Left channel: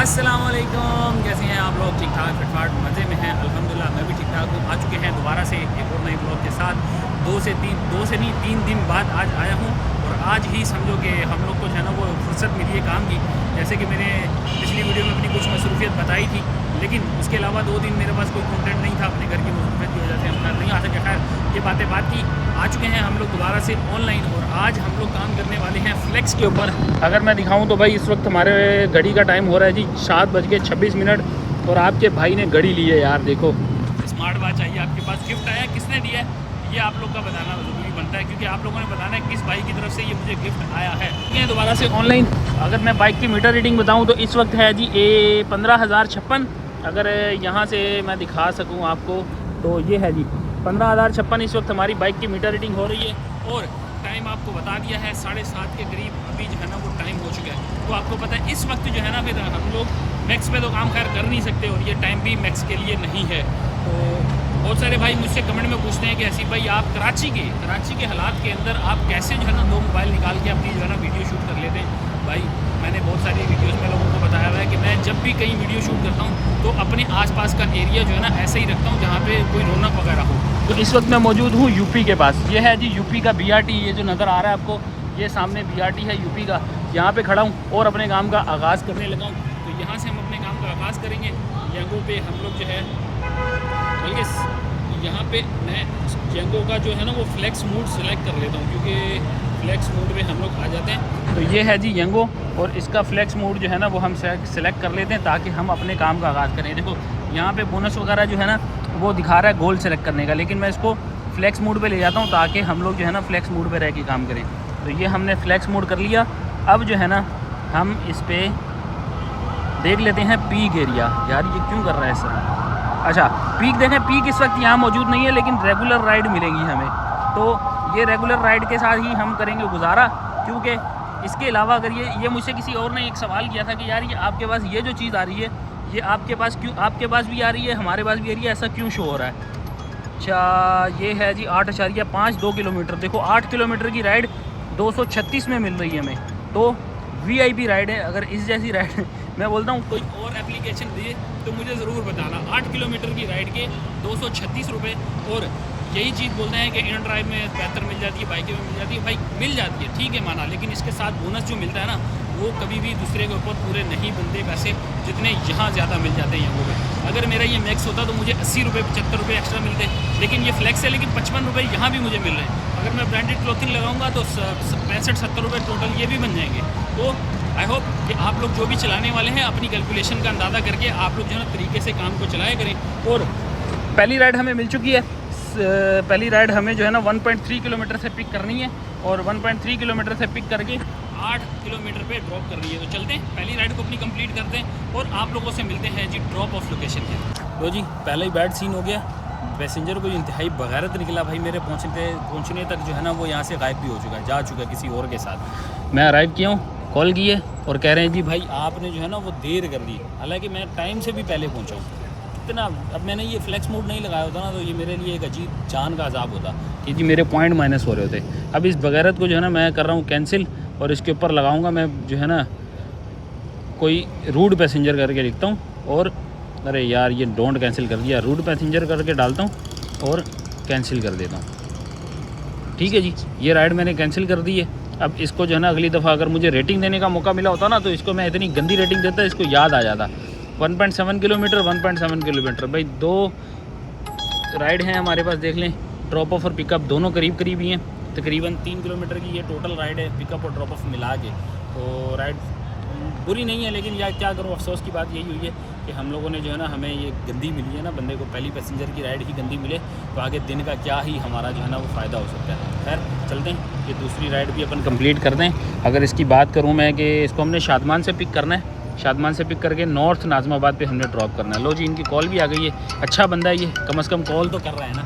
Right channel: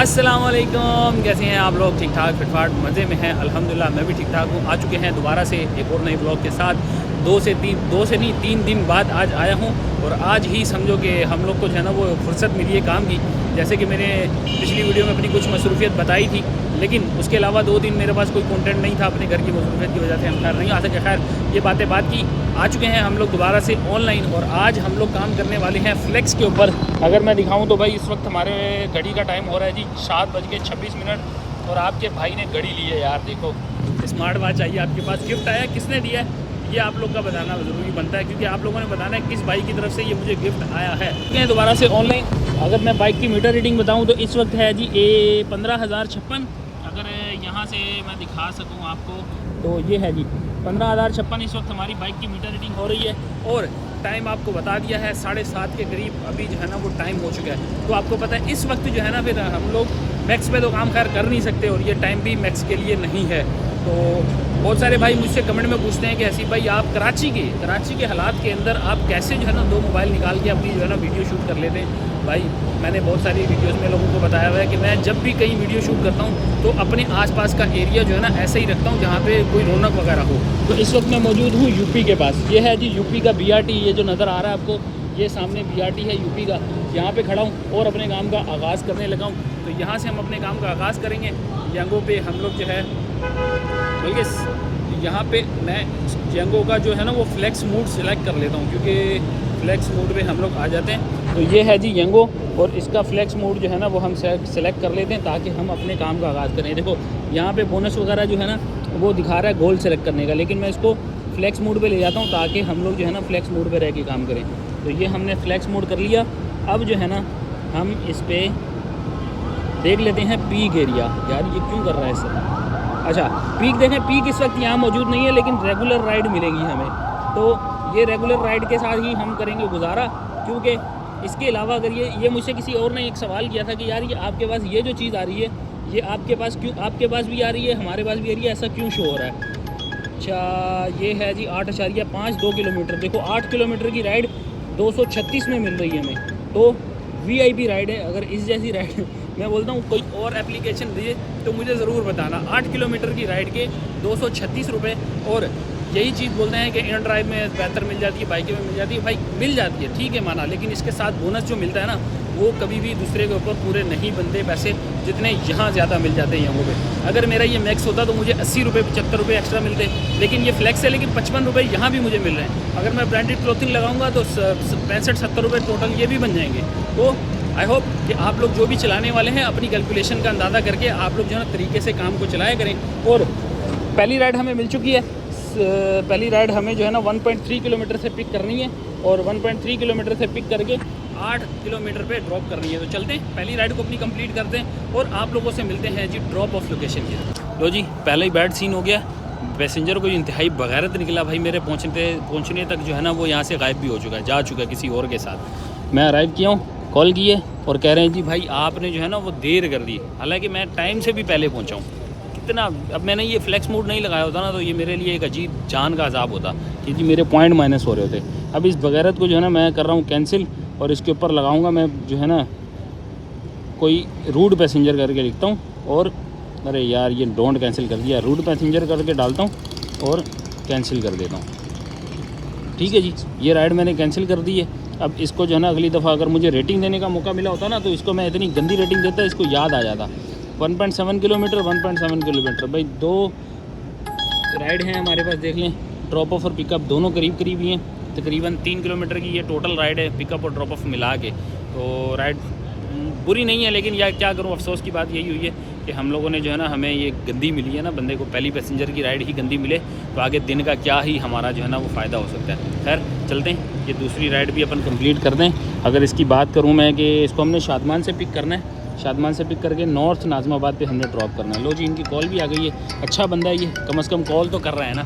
अस्सलाम वालेकुम, कैसे हैं आप लोग? ठीक ठाक फिटफाट मज़े में हैं? अल्हम्दुलिल्लाह मैं भी ठीक ठाक हूँ। आ चुके हैं दोबारा से एक और नए ब्लॉग के साथ। दो से नहीं 3 दिन बाद आज आया हूँ। और आज ही समझो कि हम लोग को जो है ना वो फुर्सत मिली है काम की। जैसे कि मैंने पिछली वीडियो में अपनी कुछ मसरूफियत बताई थी, लेकिन उसके अलावा 2 दिन मेरे पास कोई कंटेंट नहीं था अपने घर की मसरूफियत की वजह से हम घर नहीं आ सके। खैर ये बातें बात की, आ चुके हैं हम लोग दोबारा से ऑनलाइन। और आज हम लोग काम करने वाले हैं फ्लेक्स के ऊपर। अगर मैं दिखाऊं तो भाई इस वक्त हमारे घड़ी का टाइम हो रहा है जी 7:26। और आपके भाई ने घड़ी ली है यार, देखो स्मार्ट वॉच आई है आपके पास। गिफ्ट आया, किसने दिया है ये आप लोग का बताना ज़रूरी बनता है, क्योंकि आप लोगों ने बताना है किस भाई की तरफ से ये मुझे गिफ्ट आया है। दोबारा से ऑनलाइन अगर मैं बाइक की मीटर रीडिंग बताऊँ तो इस वक्त है जी 15,056। अगर यहाँ से मैं दिखा सकूँ आपको तो ये है जी 15,056 इस वक्त हमारी बाइक की मीटर रीडिंग हो रही है। और टाइम आपको बता दिया है 7:30 के करीब अभी जो है ना वो टाइम हो चुका है। तो आपको पता है इस वक्त जो है ना फिर हम लोग मैक्स पे तो काम खैर कर नहीं सकते, और ये टाइम भी मैक्स के लिए नहीं है। तो बहुत सारे भाई मुझसे कमेंट में पूछते हैं कि हसीब भाई आप कराची के हालात के अंदर आप कैसे जो है ना 2 मोबाइल निकाल के अपनी जो है ना वीडियो शूट कर लेते हैं। भाई मैंने बहुत सारी वीडियोस में लोगों को बताया हुआ है कि मैं जब भी कहीं वीडियो शूट करता हूँ तो अपने आसपास का एरिया जो है ना ऐसे ही रखता हूँ जहाँ पे कोई रौनक वगैरह हो। तो इस वक्त मैं मौजूद हूँ यूपी के पास। ये है जी यूपी का BRT, ये जो नज़र आ रहा है आपको, ये सामने BRT है यूपी का। यहाँ पे खड़ा हूँ और अपने काम का आगाज़ करने लगा हूँ। तो यहाँ से हम अपने काम का आगाज़ करेंगे। यंगो पे हम लोग जो है, बल्कि यहाँ पे मैं यंगो का जो है ना वो फ्लेक्स मोड सेलेक्ट कर लेता हूँ, क्योंकि फ्लेक्स मोड में हम लोग आ जाते हैं। तो ये है जी यंगो, और इसका फ्लेक्स मोड जो है ना वो हम सेलेक्ट कर लेते हैं ताकि हम अपने काम का आगाज़ करें। देखो यहाँ पे बोनस वगैरह जो है ना वो दिखा रहा है गोल सेलेक्ट करने का, लेकिन मैं इसको फ्लेक्स मोड पे ले जाता हूँ ताकि हम लोग जो है ना फ्लेक्स मोड पे रह के काम करें। तो ये हमने फ्लेक्स मोड कर लिया। अब जो है ना हम इस पर देख लेते हैं पीक एरिया। यार ये क्यों कर रहा है सर? अच्छा पीक देखें, पीक इस वक्त यहाँ मौजूद नहीं है, लेकिन रेगुलर राइड मिलेगी हमें। तो ये रेगुलर राइड के साथ ही हम करेंगे गुजारा, क्योंकि इसके अलावा अगर ये मुझसे किसी और ने एक सवाल किया था कि यार ये आपके पास ये जो चीज़ आ रही है ये आपके पास क्यों, आपके पास भी आ रही है हमारे पास भी आ रही है, ऐसा क्यों शो हो रहा है? अच्छा ये है जी 8.5 2 किलोमीटर। देखो 8 किलोमीटर की राइड 236 में मिल रही है हमें, तो VIP राइड है। अगर इस जैसी राइड मैं बोलता हूँ कोई और एप्लीकेशन दिए तो मुझे ज़रूर बताना। 8 किलोमीटर की राइड के 236 रुपये। और यही चीज़ बोलते हैं कि इन ड्राइव में बेहतर मिल जाती है, बाइक में मिल जाती है। भाई मिल जाती है, ठीक है माना, लेकिन इसके साथ बोनस जो मिलता है ना वो कभी भी दूसरे के ऊपर पूरे नहीं बनते पैसे जितने यहाँ ज़्यादा मिल जाते हैं यहाँ पे। अगर मेरा ये मैक्स होता तो मुझे 80 रुपये 75 रुपये एक्स्ट्रा मिलते, लेकिन ये फ्लेक्स है, लेकिन 55 रुपये यहाँ भी मुझे मिल रहे हैं। अगर मैं ब्रांडेड क्लोथिंग लगाऊंगा तो 65-70 रुपये टोटल ये भी बन जाएंगे। तो आई होप कि आप लोग जो भी चलाने वाले हैं अपनी कैलकुलेशन का अंदाज़ा करके आप लोग जो है ना तरीके से काम को चलाया करें। और पहली राइड हमें मिल चुकी है। पहली राइड हमें जो है ना 1.3 किलोमीटर से पिक करनी है, और 1.3 किलोमीटर से पिक करके 8 किलोमीटर पे ड्रॉप करनी है। तो चलते हैं पहली राइड को अपनी कंप्लीट करते हैं और आप लोगों से मिलते हैं जी ड्रॉप ऑफ लोकेशन के। तो जी पहले ही बैड सीन हो गया, पैसेंजर को इंतहाई बगैरत निकला भाई। मेरे पहुंचने तक जो है ना वो यहाँ से गायब भी हो चुका है, जा चुका है किसी और के साथ। मैं अराइव किया हूँ, कॉल की है और कह रहे हैं जी भाई आपने जो है ना वो देर कर दी, हालांकि मैं टाइम से भी पहले पहुँचा हूँ। कितना, अब मैंने ये फ्लेक्स मोड नहीं लगाया होता ना तो ये मेरे लिए एक अजीब जान का अजाब होता कि जी मेरे पॉइंट माइनस हो रहे होते। अब इस बगैरत को जो है ना मैं कर रहा हूँ कैंसिल, और इसके ऊपर लगाऊंगा मैं जो है ना कोई रूड पैसेंजर करके लिखता हूँ। और अरे यार ये डोंट कैंसिल कर दिया, रूड पैसेंजर करके डालता हूँ और कैंसिल कर देता हूँ। ठीक है जी, ये राइड मैंने कैंसिल कर दी है। अब इसको जो है ना अगली दफ़ा अगर मुझे रेटिंग देने का मौका मिला होता ना तो इसको मैं इतनी गंदी रेटिंग देता, इसको याद आ जाता। 1.7 किलोमीटर 1.7 किलोमीटर भाई 2 राइड हैं हमारे पास, देख लें। ड्रॉप ऑफ और पिकअप दोनों करीब करीब ही हैं, तकरीबन 3 किलोमीटर की ये टोटल राइड है, पिकअप और ड्रॉप ऑफ मिला के। तो राइड बुरी नहीं है, लेकिन यार क्या करूँ, अफसोस की बात यही हुई है कि हम लोगों ने जो है ना हमें ये गंदी मिली है ना, बंदे को पहली पैसेंजर की राइड ही गंदी मिले तो आगे दिन का क्या ही हमारा जो है ना वो फ़ायदा हो सकता है। खैर चलते हैं, ये दूसरी राइड भी अपन कंप्लीट कर दें। अगर इसकी बात करूँ मैं कि इसको हमने शादमान से पिक करना है, शादमान से पिक करके नॉर्थ नाज़माबाद पे हमने ड्रॉप करना है। लो जी इनकी कॉल भी आ गई है, अच्छा बंदा है ये, कम से कम कॉल तो कर रहा है ना।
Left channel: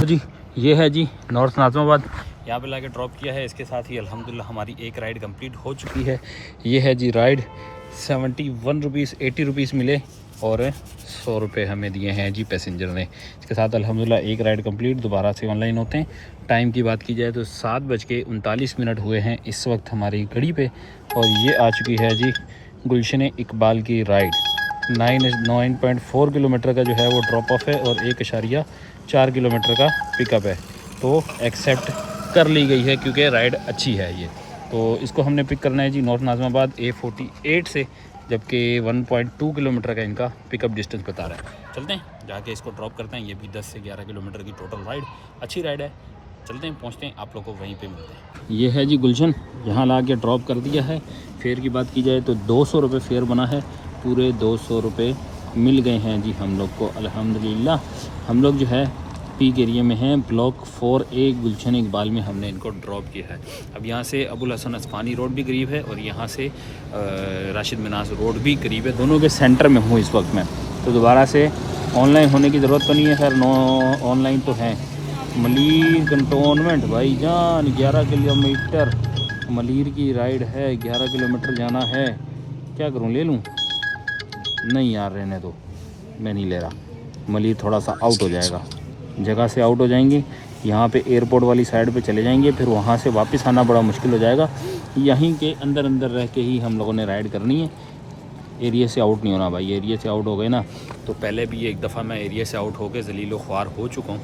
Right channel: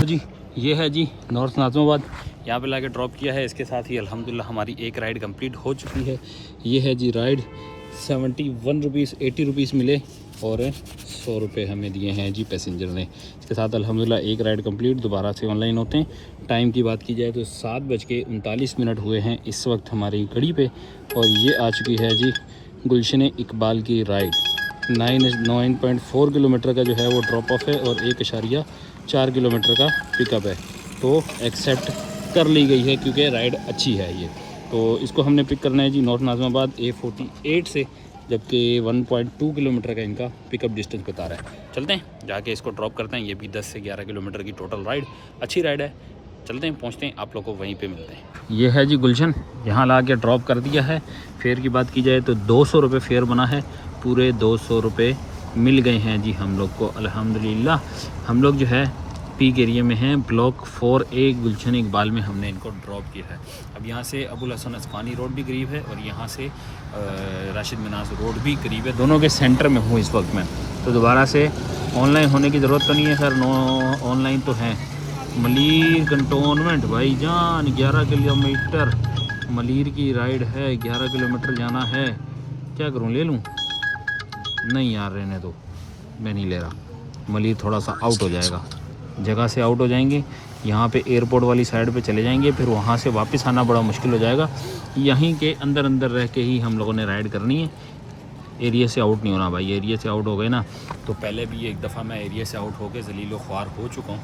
तो जी ये है जी नॉर्थ नाज़माबाद, यहाँ पे लाके ड्रॉप किया है। इसके साथ ही अल्हम्दुलिल्लाह हमारी एक राइड कंप्लीट हो चुकी है। ये है जी राइड 71 रुपीज़ 80 रुपीज़ मिले और 100 रुपये हमें दिए हैं जी पैसेंजर ने। इसके साथ अल्हम्दुलिल्लाह एक राइड कंप्लीट, दोबारा से ऑनलाइन होते हैं। टाइम की बात की जाए तो 7:39 हुए हैं इस वक्त हमारी घड़ी पे, और ये आ चुकी है जी गुलशन इकबाल की राइड। 9.4 किलोमीटर का जो है वो ड्रॉप ऑफ है और 1.4 किलोमीटर का पिकअप है। तो एक्सेप्ट कर ली गई है क्योंकि राइड अच्छी है ये। तो इसको हमने पिक करना है जी नॉर्थ नाज़िमाबाद A48 से, जबकि 1.2 किलोमीटर का इनका पिकअप डिस्टेंस बता रहा है। चलते हैं जाके इसको ड्रॉप करते हैं। ये भी 10 से 11 किलोमीटर की टोटल राइड, अच्छी राइड है। चलते हैं, पहुंचते हैं, आप लोग को वहीं पे मिलते हैं। ये है जी गुलशन, यहाँ ला के ड्रॉप कर दिया है। फेयर की बात की जाए तो 200 रुपये फेयर बना है, पूरे 200 रुपये मिल गए हैं जी हम लोग को अल्हम्दुलिल्लाह। हम लोग जो है पीक एरिया में हैं, ब्लॉक 4A गुलशन इकबाल में हमने इनको ड्रॉप किया है। अब यहाँ से अबुल हसन अस्फानी रोड भी करीब है और यहाँ से राशिद मिनास रोड भी करीब है। दोनों के सेंटर में हूँ इस वक्त मैं, तो दोबारा से ऑनलाइन होने की ज़रूरत तो नहीं है। खैर ऑनलाइन तो है। मलीर कंटोनमेंट भाईजान 11 किलोमीटर मलीर की राइड है, 11 किलोमीटर जाना है। क्या करूँ, ले लूँ? नहीं यार, रहने दो, मैं नहीं ले रहा। मलीर थोड़ा सा आउट हो जाएगा, जगह से आउट हो जाएंगे। यहाँ पे एयरपोर्ट वाली साइड पे चले जाएंगे, फिर वहाँ से वापस आना बड़ा मुश्किल हो जाएगा। यहीं के अंदर अंदर रह के ही हम लोगों ने राइड करनी है। एरिया से आउट नहीं होना भाई, एरिया से आउट हो गए ना तो पहले भी एक दफ़ा मैं एरिया से आउट होकर जलीलो ख्वार हो चुका हूँ।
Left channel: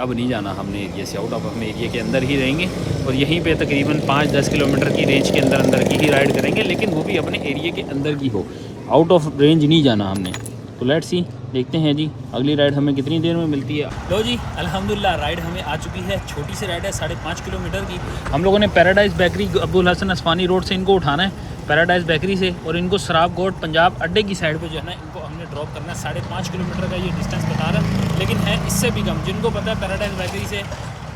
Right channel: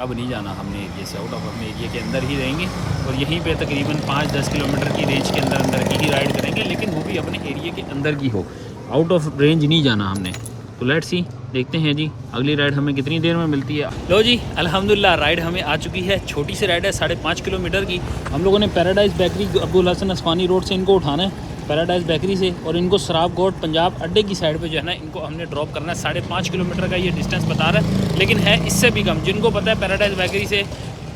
अब नहीं जाना हमने एरिया से आउट, अब हम एरिया के अंदर ही रहेंगे और यहीं पे तकरीबन 5-10 किलोमीटर की रेंज के अंदर अंदर की ही राइड करेंगे, लेकिन वो भी अपने एरिया के अंदर की हो, आउट ऑफ रेंज नहीं जाना हमने। तो लेट्स सी, देखते हैं जी अगली राइड हमें कितनी देर में मिलती है। लो जी अल्हम्दुलिल्लाह राइड हमें आ चुकी है। छोटी सी राइड है, 5.5 किलोमीटर की। हम लोगों ने paradise bakery Abdul Hasan Asfani road से इनको उठाना है, पैराडाइज़ बेकरी से, और इनको सराब गोट पंजाब अड्डे की साइड पे जो है ना इनको हमने ड्रॉप करना है। 5.5 किलोमीटर का ये डिस्टेंस बता रहा है, लेकिन है इससे भी कम। जिनको पता है पैराडाइज़ बेकरी से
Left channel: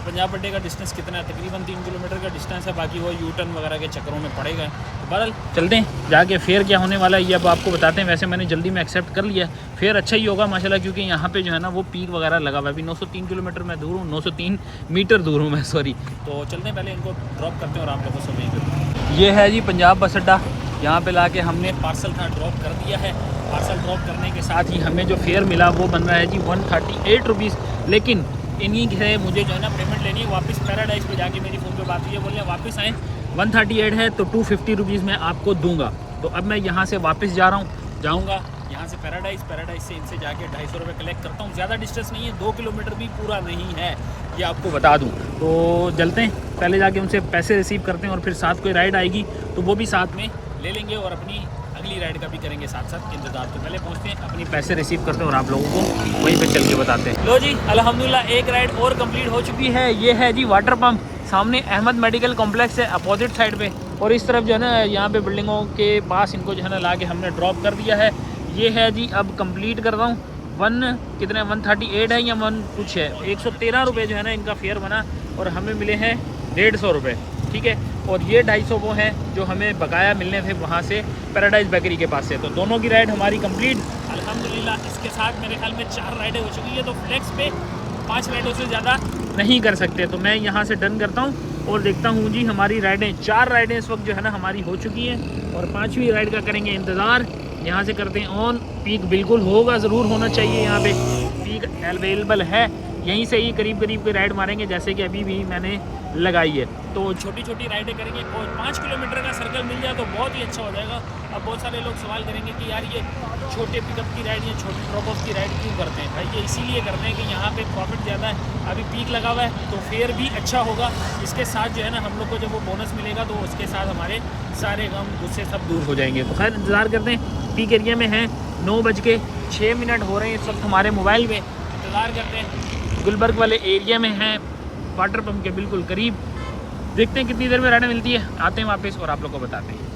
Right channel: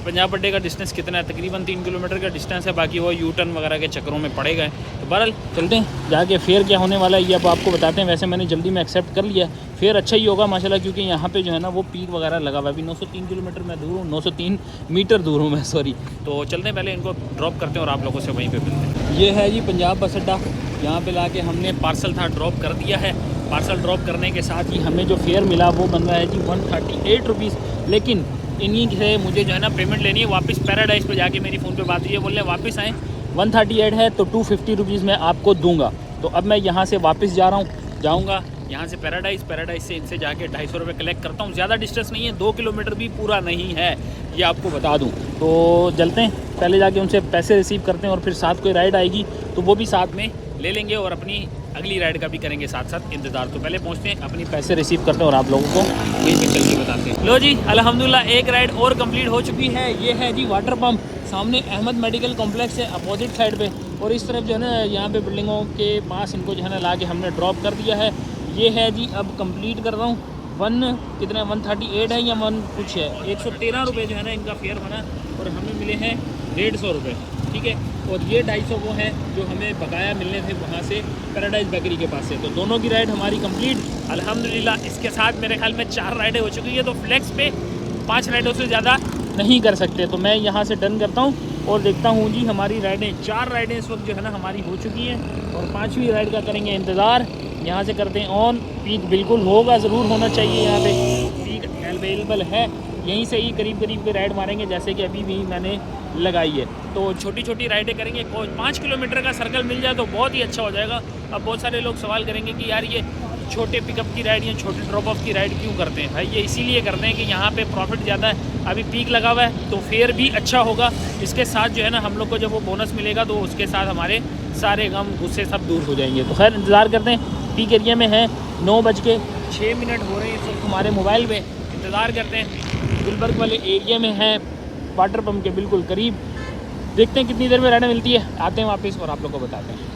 पंजाब अड्डे का डिस्टेंस कितना है, तकरीबन 3 किलोमीटर का डिस्टेंस है। बाकी वो यू टर्न वगैरह के चक्करों में पड़े गए। तो बहरहाल चलते हैं, जाके फेयर क्या होने वाला है ये अब आपको बताते हैं। वैसे मैंने जल्दी में एक्सेप्ट कर लिया, फेयर अच्छा ही होगा माशाल्लाह, क्योंकि यहाँ पे जो है ना वो पीक वगैरह लगा हुआ है। अभी 903 किलोमीटर मैं दूर हूँ, 903 मीटर दूर हूँ मैं, सॉरी। तो चलते हैं, पहले इनको ड्रॉप करते हैं और आप लोगों से वहीं पर। ये है जी पंजाब बस अड्डा, यहाँ पे लाके हमने पार्सल था ड्रॉप कर दिया है। पार्सल ड्रॉप करने के साथ ही हमें जो फेयर मिला वो बन रहा है जी 138 रुपीज़। लेकिन इन्हीं से मुझे जो है ना पेमेंट लेनी है वापस। पैराडाइज़ पे जाके मेरी फ़ोन पे बात हुई है, बोल रहे हैं वापस आएँ, 138 है तो 250 रुपीज़ मैं आपको दूंगा। तो अब मैं यहाँ से वापस जा रहा हूँ, जाऊँगा यहाँ से पैराडाइज़ से इनसे जाके 250 रुपये कलेक्ट करता हूँ। ज़्यादा डिस्टेंस नहीं है, 2 किलोमीटर भी पूरा नहीं है, ये आपको बता दूँ। तो चलते हैं, पहले जाके उनसे पैसे रिसीव करते हैं और फिर साथ कोई राइड आएगी तो वो भी साथ में ले लेंगे और अपनी अगली राइड का भी करेंगे साथ साथ इंतज़ार। तो पहले पहुंचते हैं, अपनी पैसे रिसीव करते हैं और आप लोगों को वहीं पे चल के बताते हैं। लो जी अल्हम्दुलिल्लाह एक राइड और कंप्लीट हो चुकी है। ये है जी वाटर पंप, सामने अहमद मेडिकल कॉम्प्लेक्स है अपोजिट साइड पे, और इस तरफ जो है ना यहाँ पे बिल्डिंगों के पास इनको जो है ना ला के हमने ड्रॉप कर दिया है। ये है जी, अब कंप्लीट कर रहा हूँ। 138 है या 1 कुछ है, 113 रुपये जो है ना इनका फेयर बना और हमें मिले हैं 150 रुपये, ठीक है। और ये 250 वो है जो हमें बकाया मिलने थे वहाँ से पैराडाइज़ बेकरी के पास से। तो दोनों की राइड हमारी कंप्लीट अल्हम्दुलिल्लाह। इसके साथ मेरे ख्याल में 4 राइडें हो चुकी है, तो फ्लेक्स पे 5 राइडों से ज़्यादा नहीं कर सकते। तो मैं यहाँ से डन करता हूँ और देखता हूँ जी हमारी राइडें, 4 राइडें इस वक्त जो है ना हमारी हो चुकी हैं और 5वीं राइड का करेंगे इंतज़ार। यहाँ से करते हैं ऑन। पीक बिल्कुल होगा, ज़रूर होना चाहिए, यहाँ पे पीक अवेलेबल है। यहीं से ही करीब करीब के राइड मारेंगे जैसे कि अभी भी मैंने लगाई है। तो छोटी छोटी राइडें करेंगे, 5 किलोमीटर का सर्कल मिल जाए तो बहुत ही अच्छा हो जाएगा। अब बहुत सारे लोग सवाल करेंगे कि यार ये छोटे पिकअप की राइड या छोटे ड्रॉप ऑफ की राइड क्यों करते हैं? भाई ये इसीलिए करते हैं कि यहाँ पे प्रॉफिट ज़्यादा है, अभी पीक लगा हुआ है तो फेयर भी अच्छा होगा। इसके साथ जो है ना हम लोग को जब वो बोनस मिलेगा तो उसके साथ हमारे सारे गम गुस्से सब दूर हो जाएंगे। तो खैर इंतज़ार करते हैं। पीक एरिया में है, 9:06 हो रहे हैं इस वक्त हमारे मोबाइल में। इंतज़ार करते हैं, गुलबर्ग वाले एरिया में हैं, वाटर पम्प के बिल्कुल करीब। देखते हैं कितनी देर में राइड मिलती है, आते हैं वापस और आप लोग को बताते हैं।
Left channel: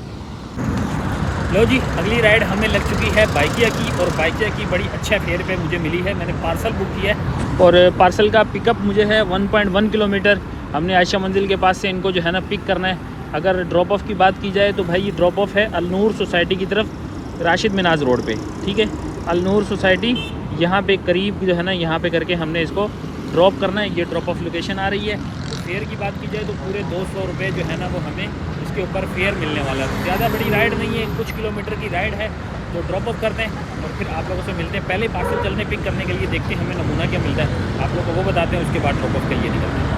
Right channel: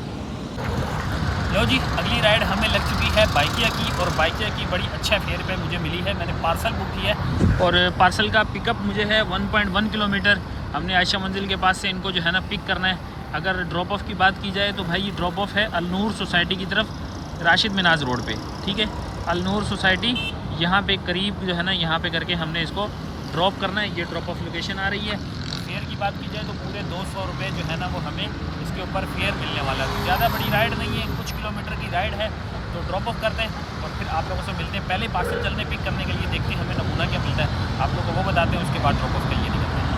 लो जी अगली राइड हमें लग चुकी है बाइकिया की, और बाइकिया की बड़ी अच्छा फेयर पे मुझे मिली है। मैंने पार्सल बुक किया है और पार्सल का पिकअप मुझे है 1.1 किलोमीटर। हमने आयशा मंजिल के पास से इनको जो है ना पिक करना है। अगर ड्रॉप ऑफ की बात की जाए तो भाई ये ड्रॉप ऑफ है अलनूर सोसाइटी की तरफ, राशिद मिनाज रोड पे, ठीक है। अलनूर सोसाइटी यहाँ पे करीब जो है ना यहाँ पे करके हमने इसको ड्रॉप करना है। ये ड्रॉप ऑफ लोकेशन आ रही है। तो फेयर की बात की जाए तो पूरे 200 रुपये जो है ना वो हमें इसके ऊपर फेयर मिलने वाला है। ज़्यादा बड़ी राइड नहीं है, कुछ किलोमीटर की राइड है, तो ड्रॉप ऑफ करते हैं और फिर आप लोगों से मिलते हैं। पहले पार्सल चलने पिक करने के लिए देखते हैं हमें नमूना क्या मिलता है, आप लोगों को वो बताते हैं, उसके बाद ड्रॉप ऑफ के लिए निकलते हैं।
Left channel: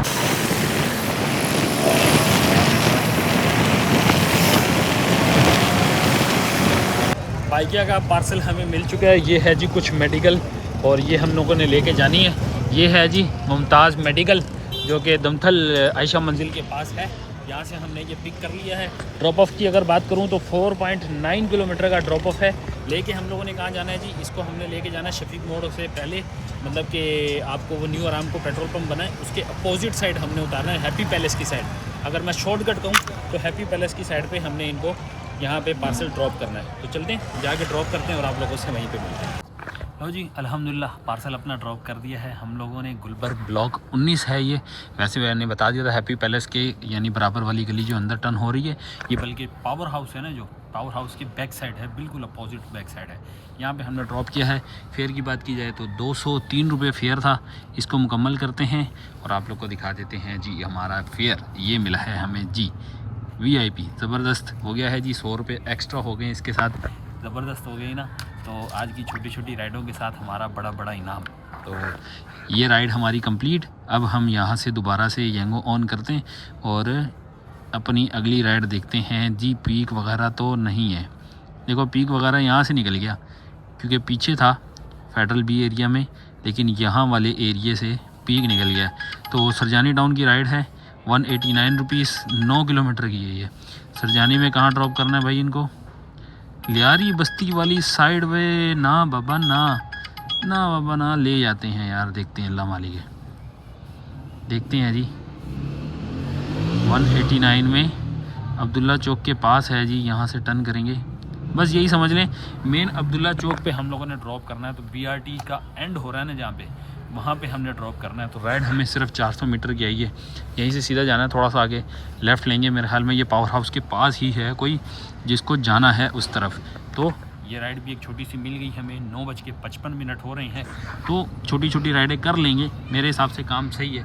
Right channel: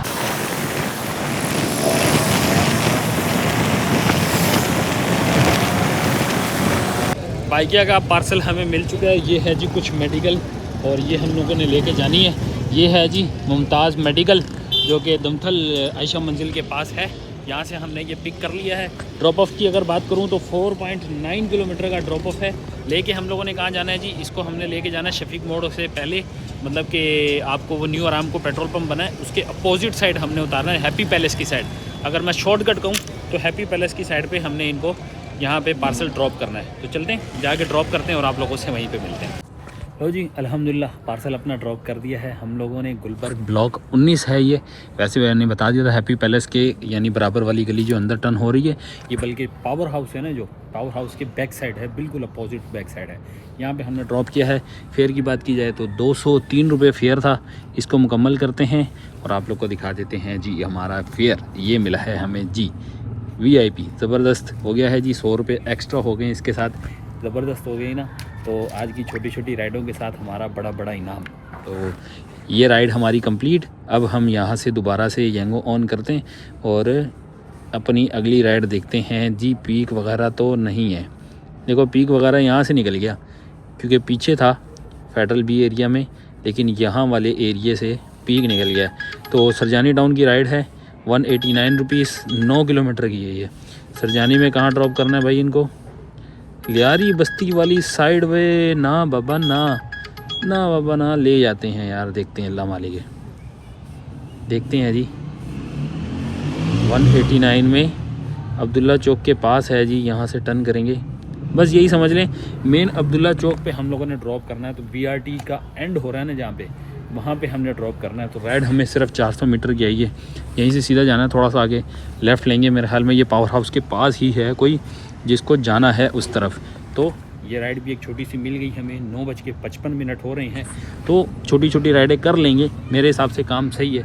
बाइकिया का पार्सल हमें मिल चुका है। ये है जी कुछ मेडिकल और ये हम लोगों ने लेके जानी है। ये है जी मुमताज़ मेडिकल जो कि दमथल आयशा मंजिल के पास है। यहाँ से हमने ये पिक कर लिया है। ड्रॉप ऑफ की अगर बात करूँ तो 4.9 किलोमीटर का ड्रॉप ऑफ है। लेके हम लोगों ने कहाँ जाना है जी, इसको हमने लेके जाना है शफीक मोड़ से पहले, मतलब कि आपको वो न्यू आराम को पेट्रोल पंप बना है उसके अपोजिट साइड हमने उतारना है, हैप्पी पैलेस की साइड। अगर मैं शॉर्टकट कहूँ तो हैप्पी पैलेस की साइड पर हमने इनको यहाँ पे पार्सल ड्रॉप करना है। तो चलते हैं, जाके ड्रॉप करते हैं और आप लोगों से वहीं पे मिलते हैं। तो जी अल्हम्दुलिल्लाह पार्सल अपना ड्रॉप कर दिया है हम लोगों ने। गुलबर्ग ब्लॉक 19 है ये। वैसे मैंने बता दिया था हैप्पी पैलेस के यानी बराबर वाली गली जो अंदर टर्न हो रही है, ये बल्कि पावर हाउस है ना, जो पावर हाउस के बैक साइड है, बिल्कुल अपोजिट बैक साइड है। यहाँ पे हमने ड्रॉप किया है। फेयर की बात की जाए तो 203 रुपये फेयर था। इसको मुकम्मल करते हैं और आप लोग को दिखा देते हैं जी हमारा फेयर ये मिला है हमें जी VIP। ज़बरदस्त हो गया है जी। 100 रुपये एक्स्ट्रा हो गए इसके साथ, ज़बरदस्त हो गई ना। तो आज की छोटी छोटी राइडों के साथ हमारा बड़ा बड़ा इनाम। तो ये राइड हमारी कंप्लीट। अब हम यहाँ से दोबारा से यंगो ऑन करते हैं और अपनी अगली राइड देखते हैं जी। पीक वगैरह तो नहीं है, देखो पीक वगैरह यहाँ से निकल गया क्योंकि पीछे था फेडरल बी एरिया में, लेकिन यहाँ वाले एरिए से पीक निकल गया। तो सरजानी टाउन की राइड है 189 रुपीज़, 9 किलोमीटर की है ये। सरजानी में कहाँ ड्रॉप करना है भाई इनको? लियारी बस्ती वाली साइड में ना बाबा, ना बाबा ना, ले जाते हैं यार। देखते हैं अल्लाह मालिक है, देखते हैं जी। 189 में अब्दुल्ला चौक के पास है जी, यहाँ से टर्न करेंगे। बस यही समझ लें मेन अब्दुल्ला चौक पे हम लोगों ने ड्रॉप करना है। तो BRT का एंड हो रहा है ना जहाँ पे, वहाँ पे हमने ड्रॉप करना है। तो राइड हमें सिर्फ 400 मीटर की आई है। यहीं से सीधा जाना है, थोड़ा सा आगे लेफ़्ट लेंगे। मेरे ख्याल में ये पावर हाउस के पास ही है कोई जिसको जाना है उस तरफ। तो ये राइड भी एक छोटी सी मिल गई हमें। 9:55 हो रहे हैं, तो छोटी छोटी राइडें कर लेंगे। मेरे हिसाब से काम सही है।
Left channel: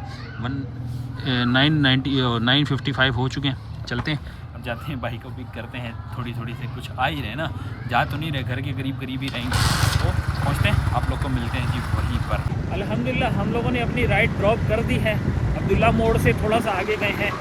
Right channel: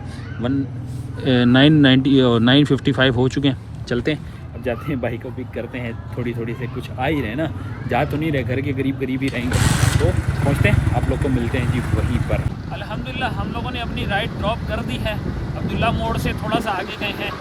9:55 हो चुके हैं। चलते हैं अब, जाते हैं बाइक को पिक करते हैं। थोड़ी थोड़ी से कुछ आ ही रहे ना, जा तो नहीं रहे, घर के करीब करीब ही रहेंगे। तो पहुँचते हैं, आप लोग को मिलते हैं जी वहीं पर। अल्हम्दुलिल्लाह हम लोगों ने अपनी राइड ड्रॉप कर दी है। अब्दुल्ला मोड़ से थोड़ा सा आगे गए हैं,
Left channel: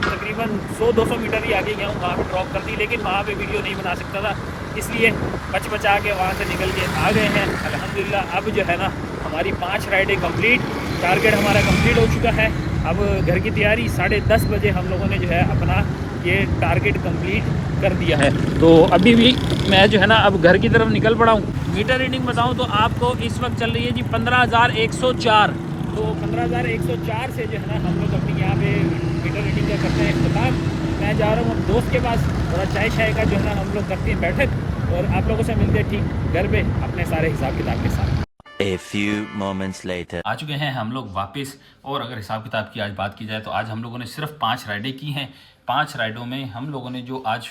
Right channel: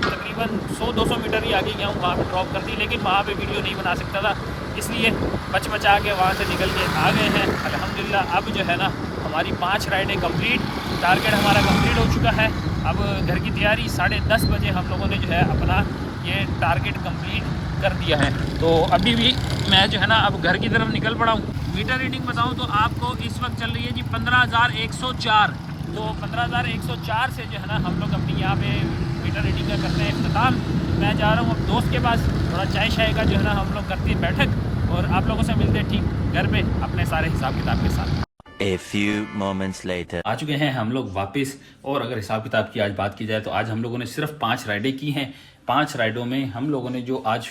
तकरीबन 100-200 मीटर ही आगे गया हूँ, वहाँ ड्रॉप कर दी। लेकिन वहाँ पे वीडियो नहीं बना सकता था, इसलिए बचा के वहाँ से निकल के आ गए हैं। अल्हम्दुलिल्लाह अब जो है ना हमारी 5 राइडें कंप्लीट, टारगेट हमारा कंप्लीट हो चुका है। अब घर की तैयारी, 10:30 बजे हम लोगों ने जो है अपना ये टारगेट कंप्लीट कर दिया है। तो अभी भी मैं जो है ना अब घर की तरफ निकल पड़ा हूँ। मीटर रीडिंग बताऊँ तो आपको इस वक्त चल रही है जी 15,104। तो 15,104 से जो है ना हम लोग अपनी यहाँ पे मीटर रीडिंग का करते हैं इख्तिताम। मैं जा रहा हूँ दोस्त के पास, थोड़ा चाय शाय का जो है ना हम लोग करते हैं बैठक, और आप लोगों से मिलते हैं ठीक घर पे अपने सारे हिसाब किताब के साथ। A few moments later. आ चुके हैं हम लोग वापस। और अगर हिसाब किताब की आज बात की जाए तो आज हम लोगों ने सिर्फ 5 राइडें की हैं। 5 राइडों में हम लोगों ने जो आज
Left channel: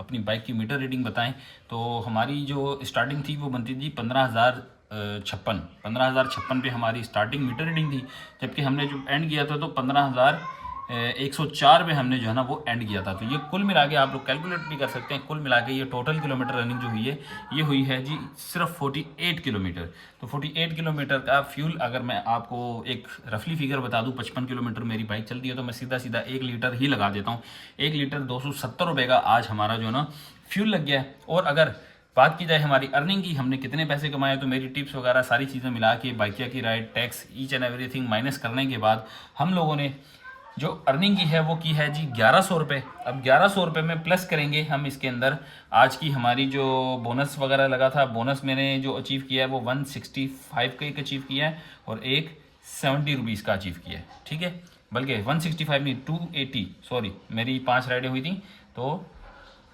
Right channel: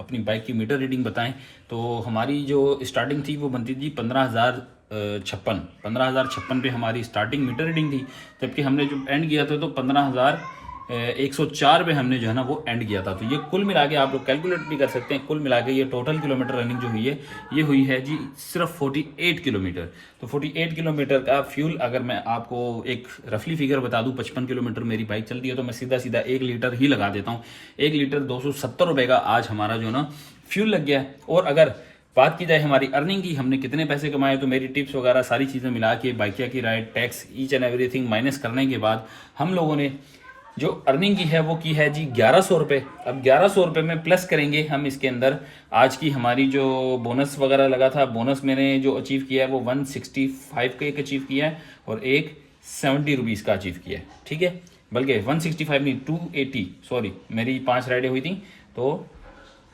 अपनी बाइक की मीटर रीडिंग बताएं तो हमारी जो स्टार्टिंग थी वो बनती थी 15,056 पे हमारी स्टार्टिंग मीटर रीडिंग थी। जबकि हमने जो एंड किया था तो 15,104 पे हमने जो है ना वो एंड किया था। तो ये कुल मिला के आप लोग कैलकुलेट भी कर सकते हैं। कुल मिला के ये टोटल किलोमीटर रनिंग जो हुई है ये हुई है जी सिर्फ 48 किलोमीटर। तो 48 किलोमीटर का फ्यूल अगर मैं आपको एक रफली फिगर बता दूं, 55 किलोमीटर मेरी बाइक चलती है तो मैं सीधा 1 लीटर ही लगा देता हूँ। 1 लीटर 270 रुपये का आज हमारा जो ना फ्यूल लग गया है। और अगर बात की जाए हमारी अर्निंग की, हमने कितने पैसे कमाए, तो मेरी टिप्स वगैरह सारी चीज़ें मिला के बाइकिया की ride, tax, each and everything minus करने के बाद हम लोगों ने जो अर्निंग की है वो की है जी 1100 रुपये। अब 1100 रुपये में प्लस करेंगे हम इसके अंदर आज की हमारी जो बोनस वगैरह लगा था। बोनस मैंने जो अचीव किया है वो 165 का एक अचीव किया है और एक 70 रुपीज़ का अचीव किया है। ठीक है, बल्कि 165 नहीं 280, सॉरी मेरी 5 राइडें हुई थी तो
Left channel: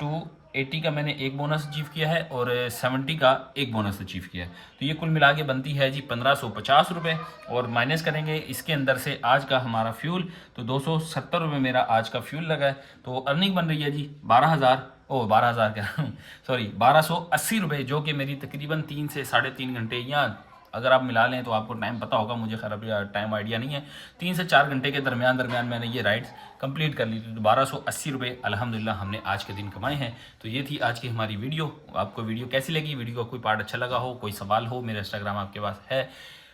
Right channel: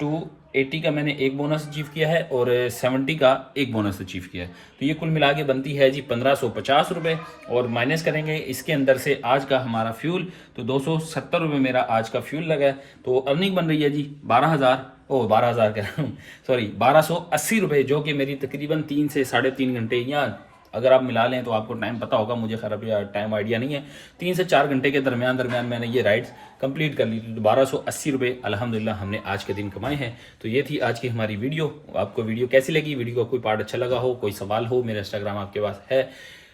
280 का मैंने एक बोनस अचीव किया है और 70 का एक बोनस अचीव किया है। तो ये कुल मिला के बनती है जी 1550 रुपये। और माइनस करेंगे इसके अंदर से आज का हमारा फ्यूल, तो 270 रुपये मेरा आज का फ्यूल लगा है। तो अर्निंग बन रही है जी 12,000 कह रहा हूँ, सॉरी 1280 रुपये, जो कि मेरी तकरीबन 3 से 3.5 घंटे, या अगर आप मिला लें तो आपको टाइम पता होगा, मुझे खराब टाइम आइडिया नहीं है, 3 से 4 घंटे के दरमियान मैंने ये राइड्स कंप्लीट कर ली। तो 1280 रुपये अल्हम्दुलिल्लाह हमने आज के दिन कमाए हैं। तो ये थी आज की हमारी वीडियो। आपको वीडियो कैसी लगी? वीडियो का कोई पार्ट अच्छा लगा हो, कोई सवाल हो, मेरा इंस्टाग्राम आपके पास है,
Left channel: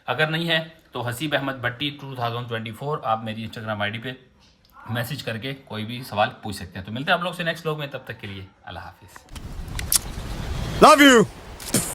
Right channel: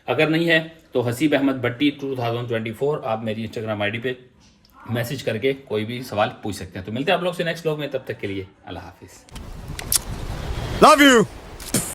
अगर नहीं है तो हसीब अहमद भट्टी 2024 आप मेरी इंस्टाग्राम आईडी पे मैसेज करके कोई भी सवाल पूछ सकते हैं। तो मिलते हैं आप लोग से नेक्स्ट व्लॉग में, तब तक के लिए अल्लाह हाफिज़। Love you!